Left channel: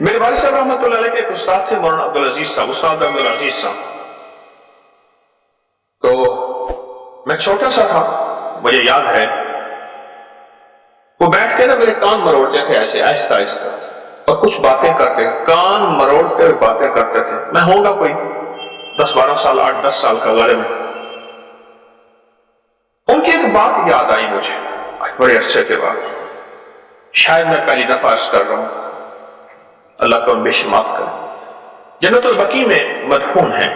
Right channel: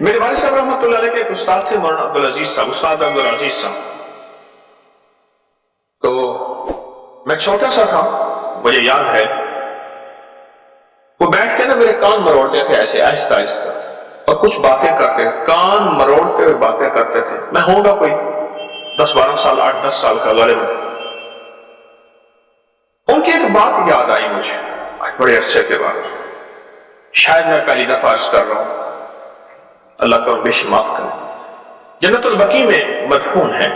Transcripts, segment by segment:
میرے والد صاحب رحمۃ اللہ علیہ کے ایک استاد تھے مولانا عبدالعزیز صاحب، استاد عبدالعزیز صاحب. تو میں چھوٹا سا تھا، مجھے یاد ہے وہ بیٹھ کے نا میرے کان مروڑتے تھے ایسے آہستہ آہستہ، اور کچھ باتیں کرتے، کان مروڑتے ہوئے باتیں کرتے تھے. میں ہوں گا کوئی 10-12 سال، 8-10 سال کا غالباً. ان کی ایک بات یاد آئی مجھے بڑے عرصے کے بعد، شاید میں پہلی دفعہ عرض کر رہا ہوں، اللہ کا ان بے شمار معاف کرے. جنت البقیع میں مدفون ہیں.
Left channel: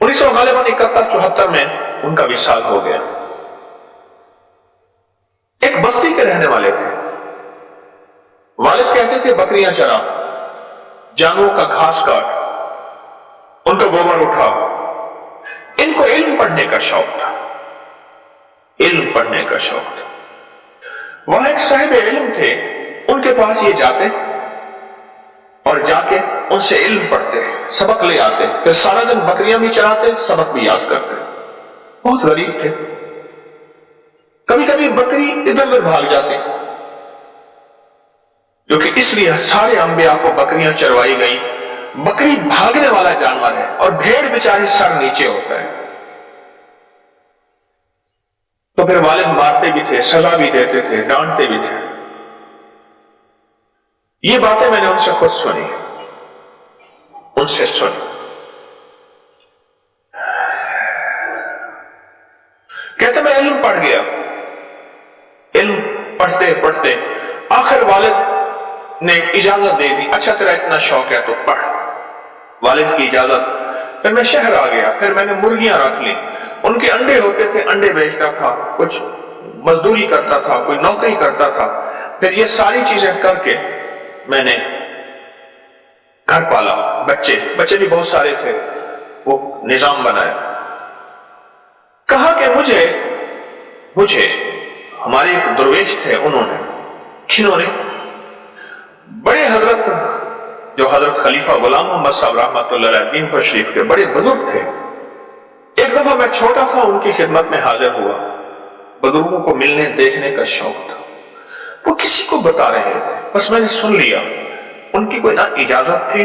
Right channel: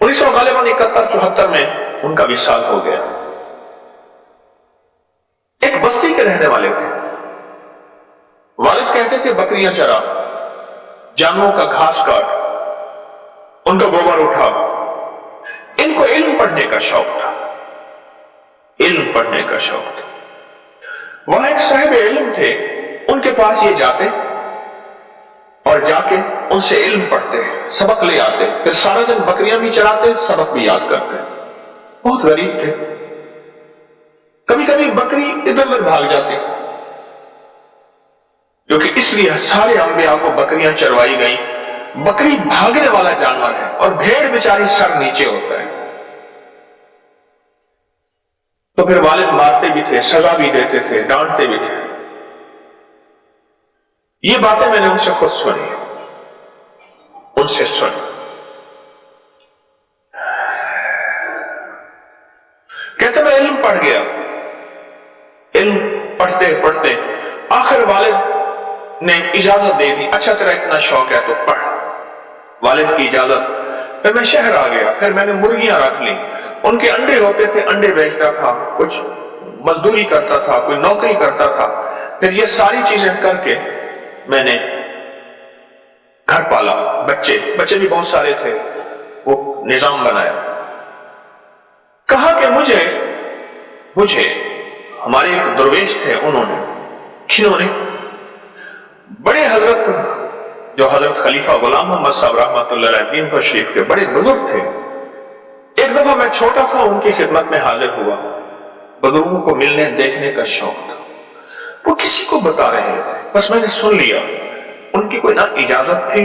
1971-74 میں ان کا وصال ہو گیا. ایک بستی کے رہنے والے تھے. والد کہتے تھے بکریاں چرا، جانوروں کا گھاس کاٹ، ان کا گوبر اٹھا. ان کو علم پڑھنے کا شوق تھا، علم پڑھنے کا شوق تھا. وہاں ایک صاحب علم تھے، ان کے پاس یہ جاتے اور جا کے ان سے علم پڑھتے، سبق لے آتے، پھر سارا دن بکریاں بھی چراتے، سبق بھی یاد کرتے. بہت غریب تھے. کبھی کبھی بکری ادھر ادھر بھاگ جاتی، کیونکہ اس لیے سارے انبیاء کو بکریاں چروائی گئیں. بکری بھاگنے والا جانور ہے اور بھیڑ بیچاری سر نیچے ہوتا ہے. تو پھر والد مارتے بھی تھے، سزا بھی دیتے تھے، ڈانٹتے بھی تھے. یہ باتیں میں نے ان سے خود سنی، ان سے سنی. کہتے میں علم پڑھ گیا. علم پڑھتے پڑھتے آخر والد نے اجازت دے دی، اچھا تیرا اتنا شوق ہے تو پڑھ. والد کی اجازت. پھر میں شہر آ گیا، پھر میں نے مرغیاں رکھ لی. ان کے انڈے ہوتے تھے، انڈے بیچتا تھا، کچھ مزدوری کرتا تھا، کوئی نوکری کرتا تھا. پھر یہ ساری چیزیں کر کے میں نے گھر پالا. بچے بھی بہت سارے تھے، وہ نظام بنایا. کہا کہ مجھے ہمارے ایک درویش تھے، انہوں نے بڑے حضرت، جو حضرت خلیفہ غلام محمد صاحب رحمۃ اللہ علیہ دین پر شریف کے بڑے بزرگ تھے. ایک دفعہ میں چھوٹا تھا، ان کی خدمت میں حاضر ہوا. بزرگوں کو ملنے دیکھنے کا شوق تھا. وہ کسی کو بتا رہے تھے، بس میں نے سن لیا. ان کی کوئی نہ اجازت تھی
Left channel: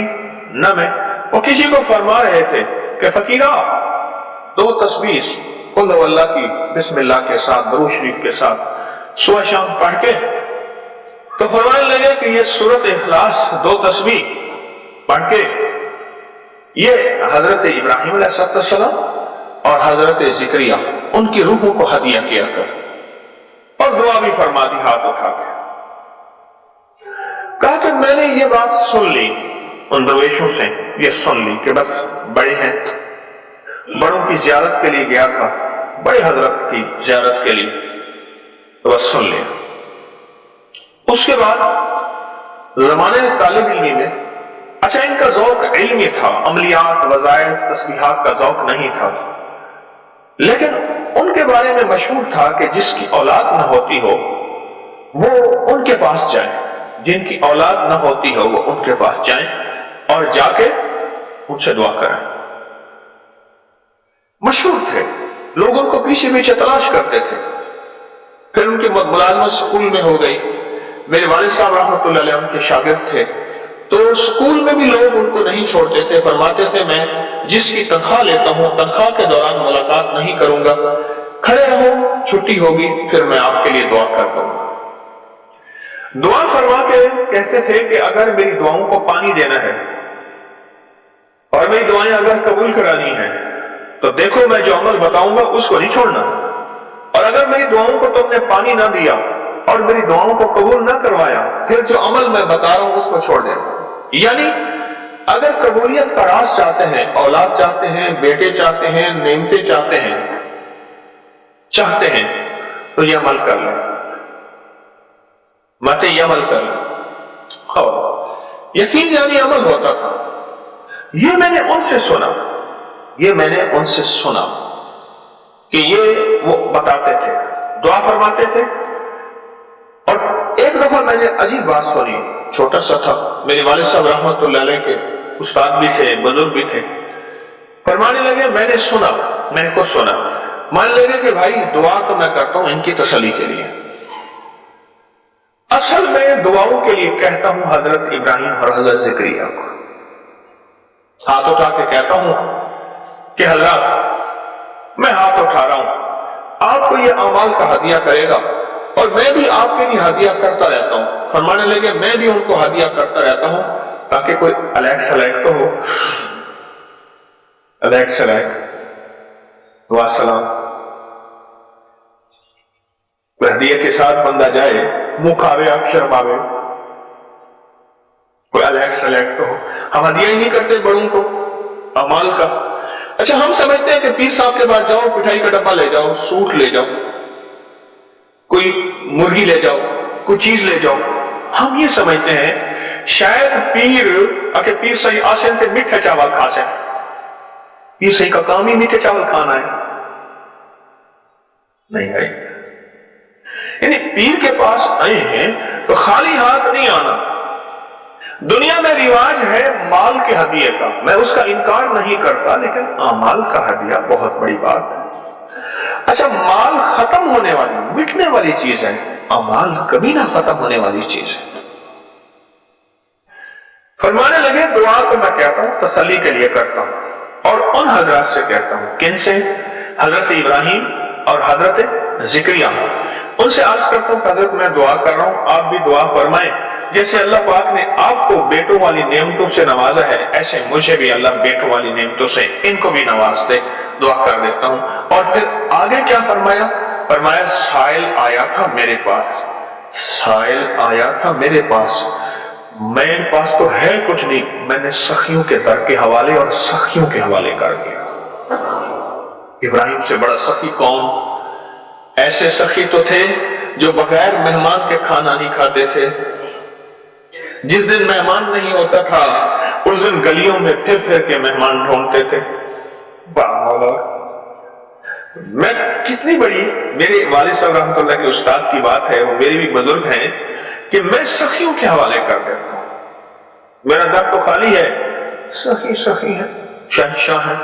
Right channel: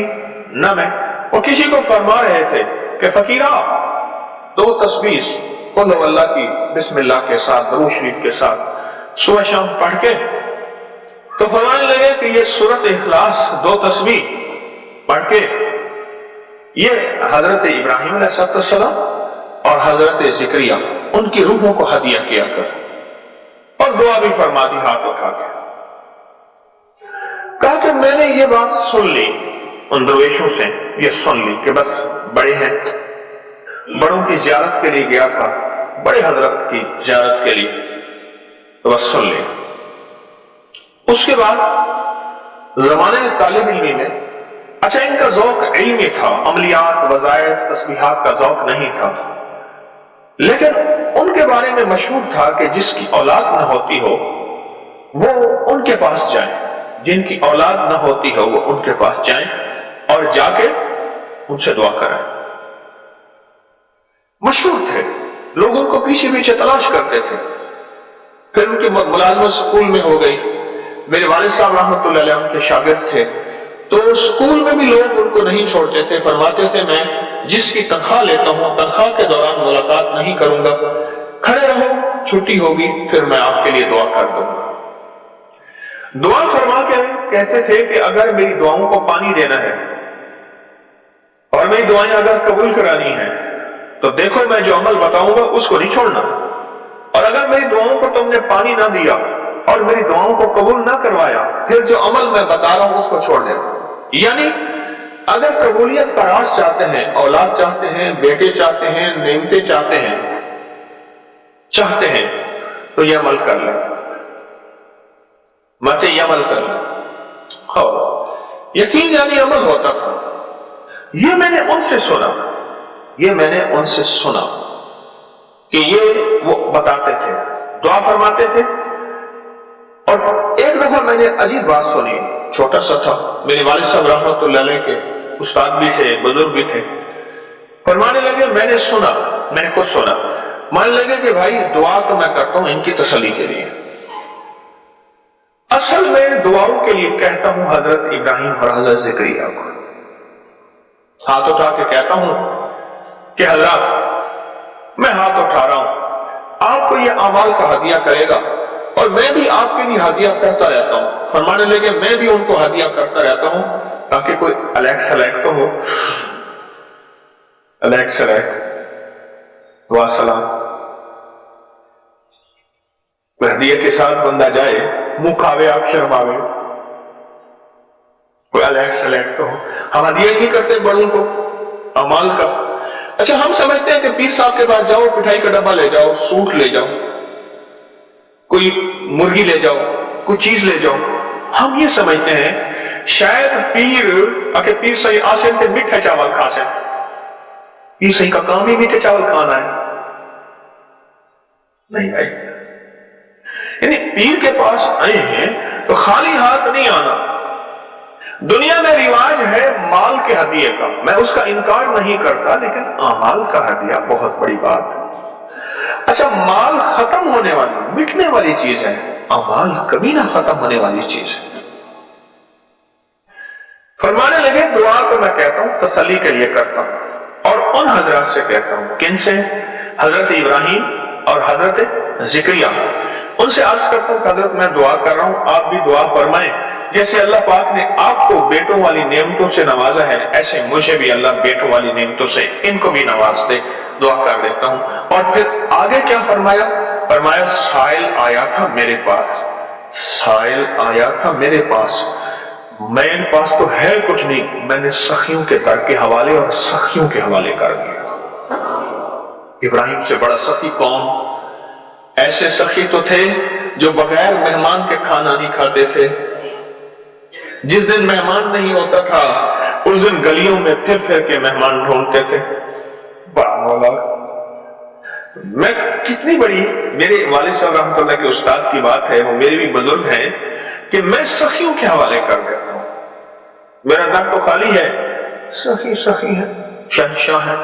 نہ میں. وہ کسی کو فرما رہے تھے کہ فقیرہ 2 تسبیح قل ہو اللہ کی بسم اللہ کے ساتھ، درود شریف کے ساتھ صبح شام پڑھ کے. تو فرمانے لگے کہ یہ سورۃ اخلاص 2 تسبیح پڑھ کے یہ حضرت ابراہیم علیہ السلام اور حضرت زکریا ان کی روحوں کو ہدیہ کیا کر، اور دعا بھی فرما دی ہاتھ اٹھا کے. کہا کہ میں نے یہ بات سن لی، ان درویشوں سے یہ سن لی کہ بس بڑے ہیں، بڑوں کی زیارت کے لیے گیا تھا، بڑے حضرت کی زیارت کے لیے، تو بس سن لیا. اس کے بعد زمانے طالب علمی میں، اچھا ان کا ذوق علمی تھا، عملیات، وظائف، تسبیحات کا ذوق نہیں تھا، لیکن ان کے بارے میں مشہور تھا کہ جس کی اولاد نہ ہوتی ہو وہ ان کے پاس جائیں، جن کی اولاد نہ ہوتی ہو وہ ان کے پاس جائیں اور جا کے ان سے دعا کریں. مشہور تھے، لوگ ان کو پیچھے پیچھے تلاش کرتے تھے. پھر ان کی ملازمت سکول میں ہو گئی. میرے والد صاحب رحمۃ اللہ علیہ ان کے شاگرد تھے، تو سکول میں بھی لوگ ان کو نہیں چھوڑتے تھے. فرماتے تھے میں جس کی تنخواہ لیتا ہوں تنخواہ کے دوران ملاقات نہیں کروں گا، کھڑے رہو، چھٹی ہوگی پھر میں آپ کے لیے دعا کر دوں گا. دعا فرما کے کہتے تھے کہ اگر میری دعاؤں کو پانی دینا ہے اور میری دعائیں اگر قبول کرانی ہیں تو دیکھو میں جو عمل بتاؤں گا اس کو نہیں چھوڑنا، اور اگر میری دعاؤں کو تم نے پانی نہ دیا اور میری دعاؤں کو قبول نہ کروایا پھر جو عمل میں بتا رہا ہوں اس کو چھوڑ دینا. یعنی اگر قبولیت کا راز چاہتے ہیں، اولاد چاہتے ہیں، بیٹے چاہتے ہیں، نعمتیں چاہتے ہیں تو یہ عمل کر لیں، یہ عمل کر لیں. اور یقین یعنی عمل ہوتا تھا. یہ میں نے ان سے سنا کہ یہ وہ بتاتے تھے، دعا فرماتے تھے. اور ایک دفعہ میں نے عجیب بات سنی، چھوٹا سا تھا، میرے والد صاحب رحمۃ اللہ علیہ کے استاد بھی تھے، بزرگ بھی تھے. فرمانے لگے میں نے خود سنا. مان لگے کہ بھائی دعا تو میں کرتا ہوں ان کی تسلی کے لیے، اصل میں دعاؤں کے لیے کہتا ہوں حضرت ابراہیم اور حضرت زکریا کو، ہاتھ اٹھا کے کہتا ہوں کہ حضرات میں ہاتھ اٹھا رہا ہوں، آپ کو یہ اعمال کا ہدیہ کرے گا اور میں بھی آپ کے لیے ہدیہ کرتا رہتا ہوں۔ فرمانے لگے میں بھی ان کو ہدیہ کرتا رہتا ہوں تاکہ کوئی الیک سلیک تو ہو، الیک سلیک دعا سلام ہدیہ کے ساتھ بندہ جائے، منہ کھاوے اکشر باوے، کوئی الیک سلیک تو ہو۔ ہم ہدیہ ہی نہیں کرتے بڑوں کو اعمال کا۔ اچھا ہم سمجھتے ہیں کہ پیر صاحب کے پاس جاؤ، مٹھائی کا ڈبہ لے جاؤ، سوٹ لے جاؤ، کوئی مرغی لے جاؤ، کوئی چیز لے جاؤ۔ ہم یہ سمجھتے ہیں شاید پیر صحیح آسن تے میٹھے چاول کھا سیں، پیر صحیح کا کام ہی میٹھے چاول کھانا ہے۔ نہیں بھائی، یعنی پیر کے پاس آئے ہیں تو خالی ہاتھ نہیں آنا۔ دنیا میں رواج ہے مال کے ہدیے کا، میں اس کا انکار نہیں کرتا، لیکن اعمال کا ہدیہ بہت بڑی بات ہے۔ اچھا مال ختم ہونے والی مٹنے والی چیز ہے، اعمال کبھی نہ ختم ہونے والی چیز ہے۔ فرمانے لگے دعا تو میں کہتا ہوں تسلی کے لیے کرتا ہوں، اور ان حضرات سے کہتا ہوں، کن سے؟ حضرت ابراہیم اور حضرت زکریا، ان سے عرض کرتا ہوں کہ حضرت میں دعا کر رہا ہوں، آپ بھی دعا فرمائیں۔ جیسے اللہ پاک نے آپ کو بیٹوں والی نعمتوں سے نوازا ہے، ایسے مجھے بھی اللہ بیٹوں والی نعمتوں سے ان کو بھی نواز دے، دعا کر دیتا ہوں۔ اور پھر آگے کیا فرمایا؟ فرمایا سائل آیا تھا میرے پاس، سائل آیا تھا میرے پاس، میرے پاس تو ہے کچھ نہیں، میں نے سخیوں کے در کے حوالے اور سخیوں کے حوالے کر دیا۔ ابراہیم سے بڑا سخی کون؟ ایسے سخی تو تھے جو بغیر مہمان کے کھانا نہیں کھاتے تھے۔ جس دن مہمان نہیں ہوتا تھا اس دن گلیوں میں پھر پھر کے مہمان ڈھونڈتے تھے۔ مولا میں کتنی بڑی میرے والد صاحب رحمۃ اللہ کے استاد کی بات ہے، وہ میرے بھی بزرگ ہیں، کہ میں سخیوں کے حوالے کر دیتا ہوں۔ میرا در تو خالی ہے، سخی سخی ہے، شہنشاہ ہے،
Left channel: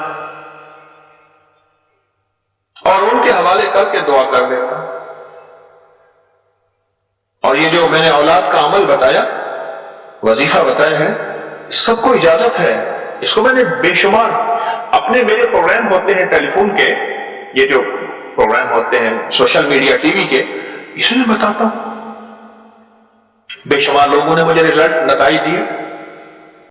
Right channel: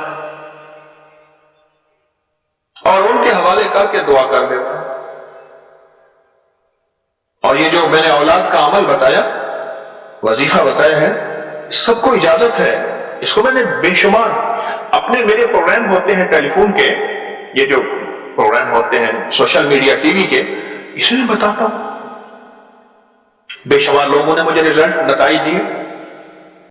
اور ان کے حوالے کر کے دعا کر دیتا ہوں۔ اور یہ جو میں نے اولاد کا عمل بتایا، وظیفہ بتایا ہے، سب کو اجازت ہے، اس کو میں نے بے شمار اپنے میرے پروگرام ہوتے ہیں ٹیلی فون کے، یہ جو پروگرام ہوتے ہیں سوشل میڈیا ٹی وی کے، اس میں بتاتا ہوں، بے شمار لوگوں نے مجھے رزلٹ نتائج دیے۔